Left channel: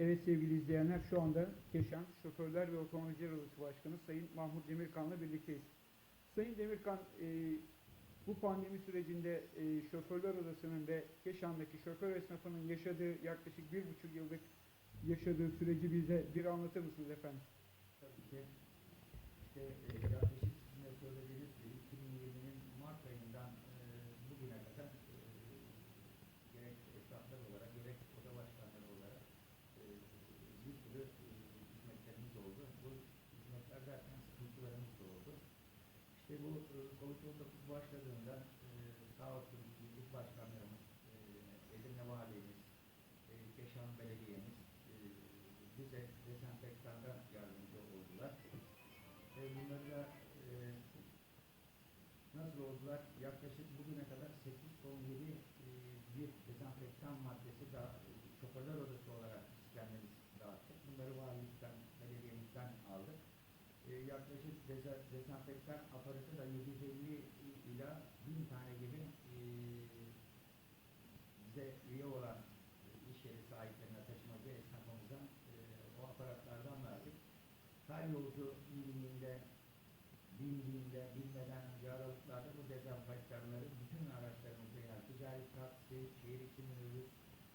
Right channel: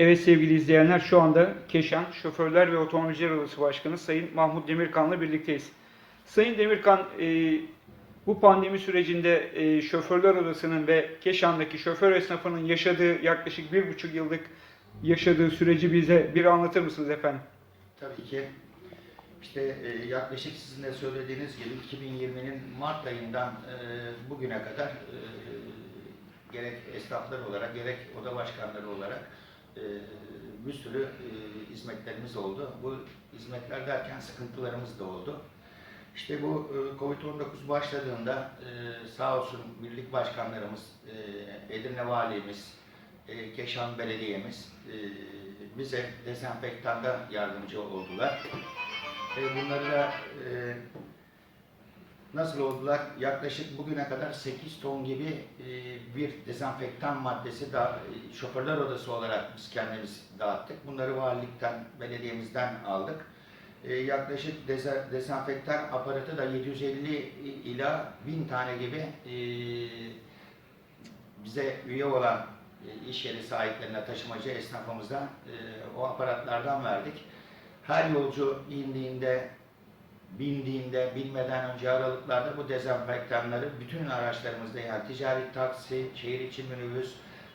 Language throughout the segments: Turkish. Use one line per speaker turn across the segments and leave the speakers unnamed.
Evet sevgili izleyenler şu anda Keşan Şoförler ve Otomobilciler Odası Başkanı Sayın Mahmut Demirkan'la birlikteyiz. Sayın Demirkan e, bu pandemi sürecinde e, Şoförler Odası'nın ve Keşan'daki şoför esnafının yaşadığı yaklaşık bir buçuk yıllık yaşadığı süreci bize bir anlatır mısınız efendim?
Tabii ki. İşte e, yaklaşık sizin de söylediğiniz gibi 2020'nin Mart ayından bugüne kadar gerek esnaflar olarak gerek oda başkanları olarak e, bir sürü e, hizmetlerimiz oldu. Bu hizmetler derken sıkıntılarımız da oldu. İşte bu e, Covid-19 başladığında e, sağ olsun birlik başkanlarımız, Edirne Valimiz, Keşan Belediye'miz bize dezenfektanda yardımcı oldular. E, bunları da nasıl oldular? Yaklaşık bugüne kadar 8 ton gibi e, bir dezenfektan maddesi da e, şoförler odası olarak biz kendimiz dağıttık. Bunları valilikten, belediyemizden aldık. E, yaklaşık deze, dezenfektan aparatı da 750 ila 1000 tane gibi bize üye olan iş yeri sahiplerine, taşımacı esnafımıza o aparatlardan verdik. Her yolcu indiğinde, bindiğinde, binmeden önce aralıklarda bu dezenfektanları bütün araçlarımızda yani ticari taksi, şehir içi minibüs,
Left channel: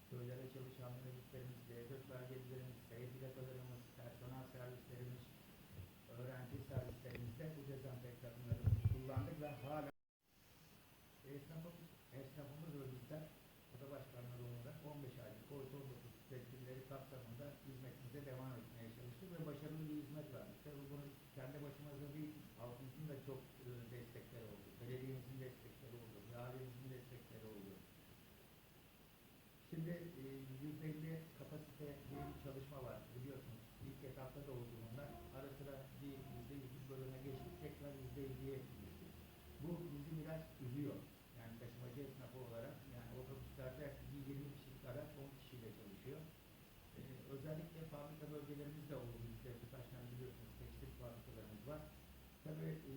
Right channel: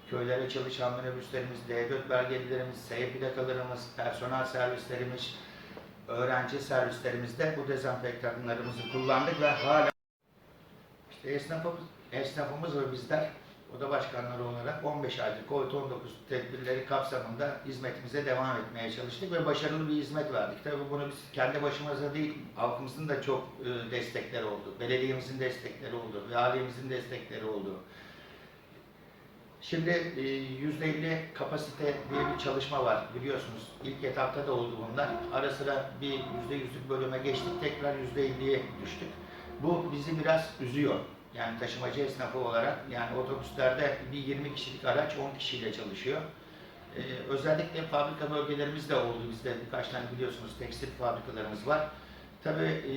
köylere çalışan minibüslerimiz, D4 belgelilerimiz, S plakalarımız, personel servislerimiz, öğrenci servislerimizde bu dezenfektanlarımızı kullandık ve hala işte esnafımız, esnafımız ve bizler oda başkanları olarak 15 aylık COVID-19 tedbirleri kapsamında hizmetimize devam etmeye çalıştık ve başarılı bir hizmet verdik. Tabii bunu biz kendi başımıza değil, halkımızın da çok e, destekleri oldu. Belediyemizin destekleri oldu, valimizin destekleri oldu. Şimdi e, %50 kapasite diye bir çalışma var biliyorsunuz. İlk etapta da oldu bunlar. Ara sıra bir %100'lük bölüme geçtik, tekrar %50'ye düştük. Bu bizi biraz üzüyor. Yani taşımacı esnafı olarak yani otobüslerde bir 20 kişilik araç 10 kişiyle çalışıyor. Ee, özellikle fabrika bölgelerimiz de oldu bizde birkaç tane biliyorsunuz tekstil fabrikalarımız var. Tabii e,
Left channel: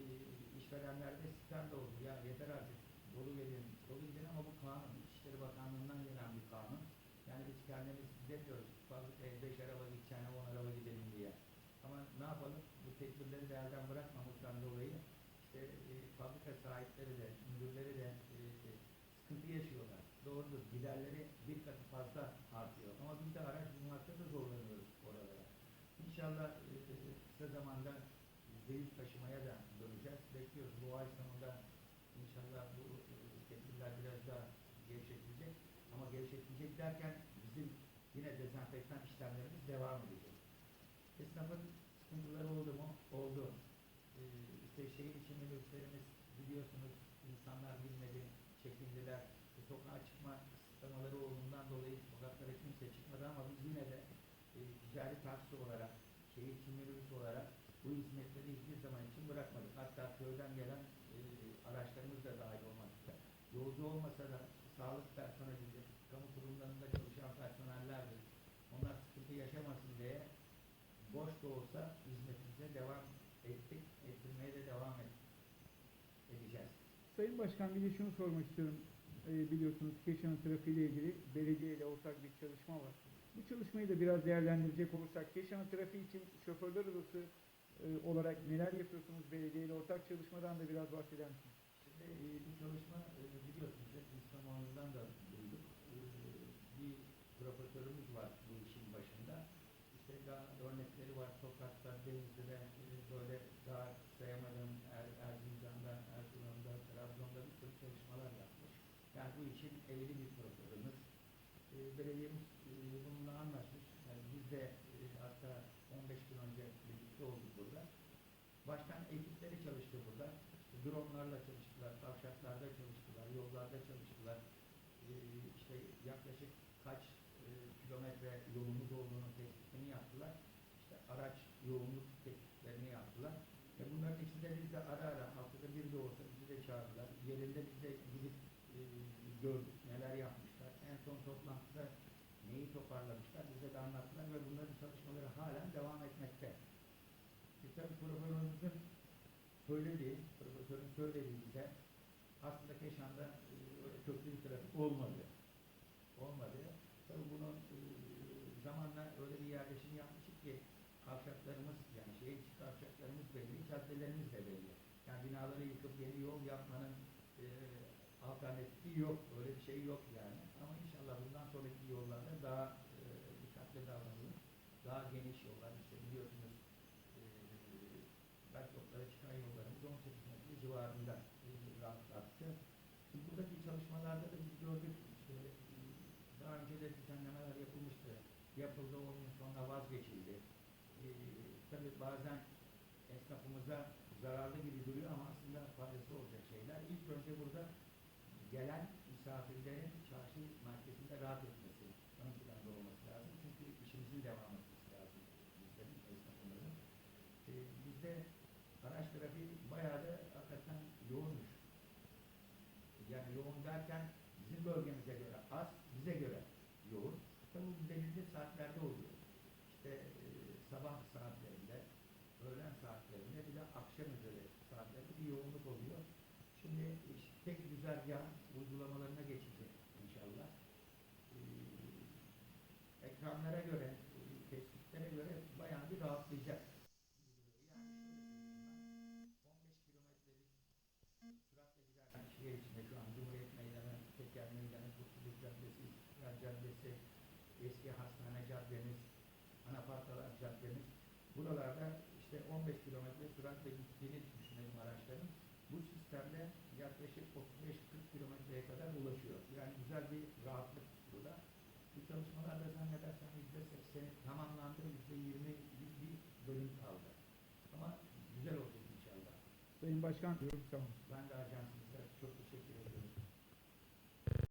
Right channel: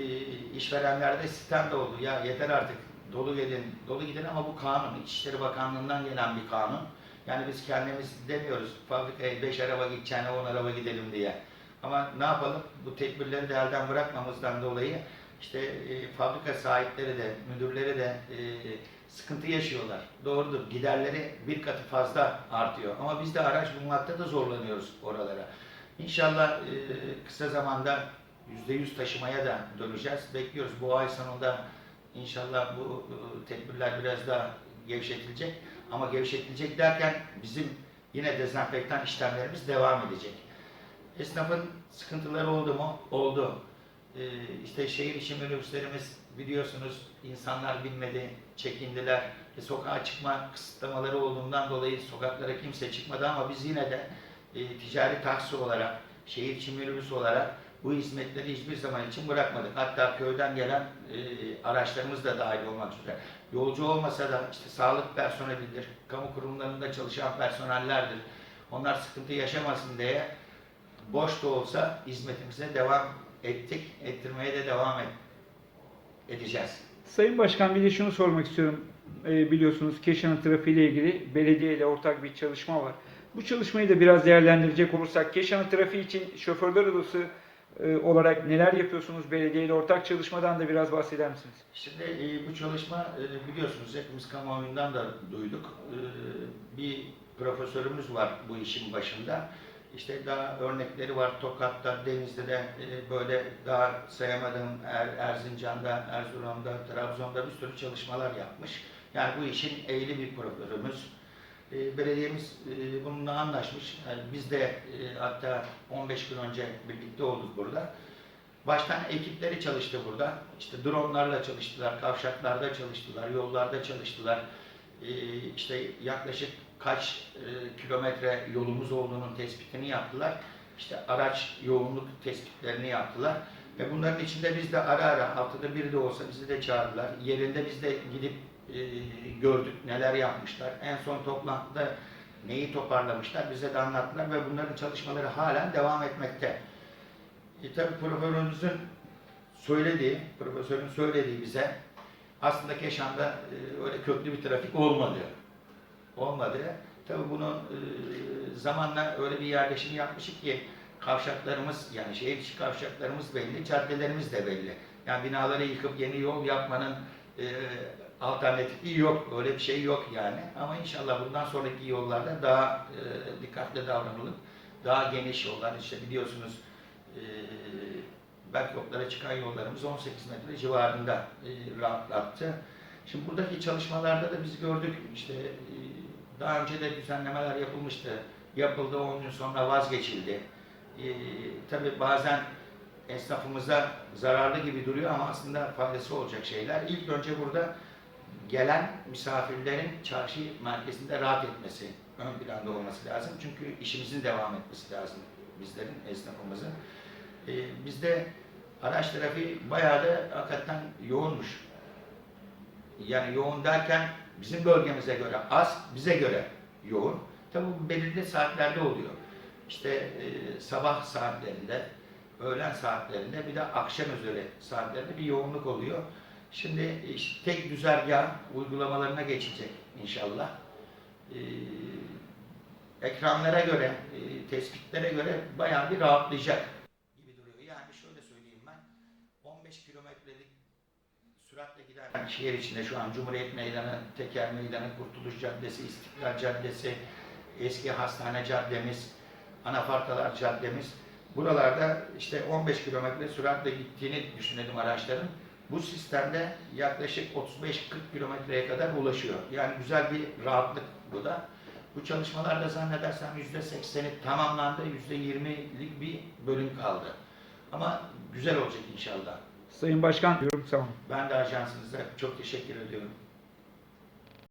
işverenlerde sistem de oldu. Ya yeter artık dolu gelin, dolu gidin ama bu kanun. İçişleri Bakanlığı'ndan gelen bir kanun. Yani biz kendimiz demiyoruz fabrikaya 5 araba gideceğine 10 araba gidelim diye. Ama ne yapalım? Bu tedbirleri de elden bırakmamızdan dolayı işte e, fabrika sahipleri de, müdürleri de e, sıkıntı yaşıyorlar. Doğrudur. Giderleri bir katı fazla artıyor. Ama biz de araç bulmakta da zorlanıyoruz oralara. İnşallah e, kısa zamanda %100 taşımaya da döneceğiz. Bekliyoruz. Bu ay sonunda inşallah bu e, tedbirler biraz daha gevşetilecek. Ama gevşetilecek derken bizim yine dezenfektan işlemlerimiz devam edecek. Esnafın sıkıntıları oldu mu? Oldu. Ee, işte şehir içi minibüslerimiz biliyorsunuz insanlar binmedi, çekindiler. E, sokağa çıkma kısıtlamaları olduğundan dolayı sokaklara kimse çıkmadı ama biz yine de e, ticari taksi olarak, şehir içi minibüs olarak bu hizmetleri hiçbir zaman için bırakmadık. Hatta köyden gelen e, araçlarımız da dahil olmak üzere. Yolcu olmasa da işte sağlık personelidir, kamu kurumlarında çalışan personellerdir. Onlar sıkıntı yaşamasın diye boş da olsa hizmetimize devam ettik, ettirmeye de devam et, edeceğiz.
Sayın Başkan bir de şunu sormak istiyorum. E, biliyorsunuz Keşan'ın trafiğiyle ilgili belediye ile ortak bir çalışma var. Bu çalışmayı da biraz değerlendirecek olursak Keşan'ın trafiği için şoförler odası e, olarak neler yapıyorsunuz? Belediye ile ortak çalışmadan da biraz bahseder misiniz?
Şimdi e, bu çalışma e, biliyorsunuz hepimiz kamuoyundan da duyduk. E, bir profesörümüz var bu işin başında. İşte daha örnekleri var Tokat'ta, Denizli'de e, böyle daha sayamadığım er, Erzincan'da, Erzurum'da, Trabzon'da bir sürü çalışmalar yapmış. Yani bu işin eğili bir profesörümüz. E, belediyemiz e, bununla anlaşmış. Yani biz de e, hatta 15 gün önce birlikte olduk burada. Baştan ekipleri çalıştı burada. İşte dronlarla çalıştılar, kavşaklarda çalıştılar, yollarda çalıştılar. Ee, işte yaklaşık kaç e, kilometre yolumuz olduğunun tespitini yaptılar. İşte araç yoğunluk tespitlerini yaptılar. Ve bunların içinde biz de ara ara haftada bir de olsa bizi de çağırdılar. Yerinde biz de gidip e, gördük neler yapmışlar. En son toplantıda neyi toparlamışlar bize de anlattılar ve bunların çalışmaları halen devam etmekte. E tabi profesörümüzün söylediği, profesörün söylediği bize aslında Keşan'da e, öyle köklü bir trafik olmadı. Olmadı. Tabi bunun e, zamanla öyle bir yerleşim yapmışık ki kavşaklarımız yani şehir içi kavşaklarımız belli, caddelerimiz de belli. Yani binaları yıkıp yeni yol yapmanın e, alternatifi yok. Öyle bir şey yok yani. Ama inşallah bundan sonraki yollarda daha e, dikkatli davranılıp daha geniş yollar işte biliyorsunuz e, Berkoklara çıkan yollarımız 18 metre civarında e, rahatlattı. Şimdi buradaki çalışmalarda da biz gördük işte e, daha önce de düzenlemeler yapılmıştı. Yapıldı 10 gün sonra vazgeçildi. E, tabii bazen esnafımıza zararlı gibi duruyor ama aslında faydası olacak şeyler. İlk önce burada gelen misafirlerin çarşı merkezinde rahat etmesi ön planda olması lazım. Çünkü işimizin devam etmesi lazım bizlerin, esnafımızın. Ee, bizde araç trafiği bayağı da hakikaten yoğunmuş. Yani yoğun derken bizim bölgemize göre az, bize göre yoğun. Tabi bu belirli saatlerde oluyor. İşte e, sabah saatlerinde, öğlen saatlerinde bir de akşam üzeri saatlerinde bir yoğunluk oluyor. Şimdi işte tek güzergah uygulamalarına geçecek inşallah. Ee, ekranlara göre, e, tespitlere göre bayağı bir rahatlayacak gibi duruyor. Yani şöyle söyleyeyim ben, 15 kilometrelik şehir içinde şu an Cumhuriyet Meydanı, Teker Meydanı, Kurtuluş Caddesi, İstiklal Caddesi, eski hastane caddemiz, anafarkalar caddemiz. Buralarda işte 15 kilometre süratle gittiğini düşünelim araçların. Bu sistemde yaklaşık 35-40 kilometreye kadar ulaşıyor. Yani güzel bir rahatlık bu da. Bu çalışmalarda zannedersem %80'i tamamlandı, %20'lik bir bölüm kaldı. Ama güzel olacak inşallah.
Sayın Başkan diyorum olun.
Ben de ajansınıza çok teşekkür ediyorum.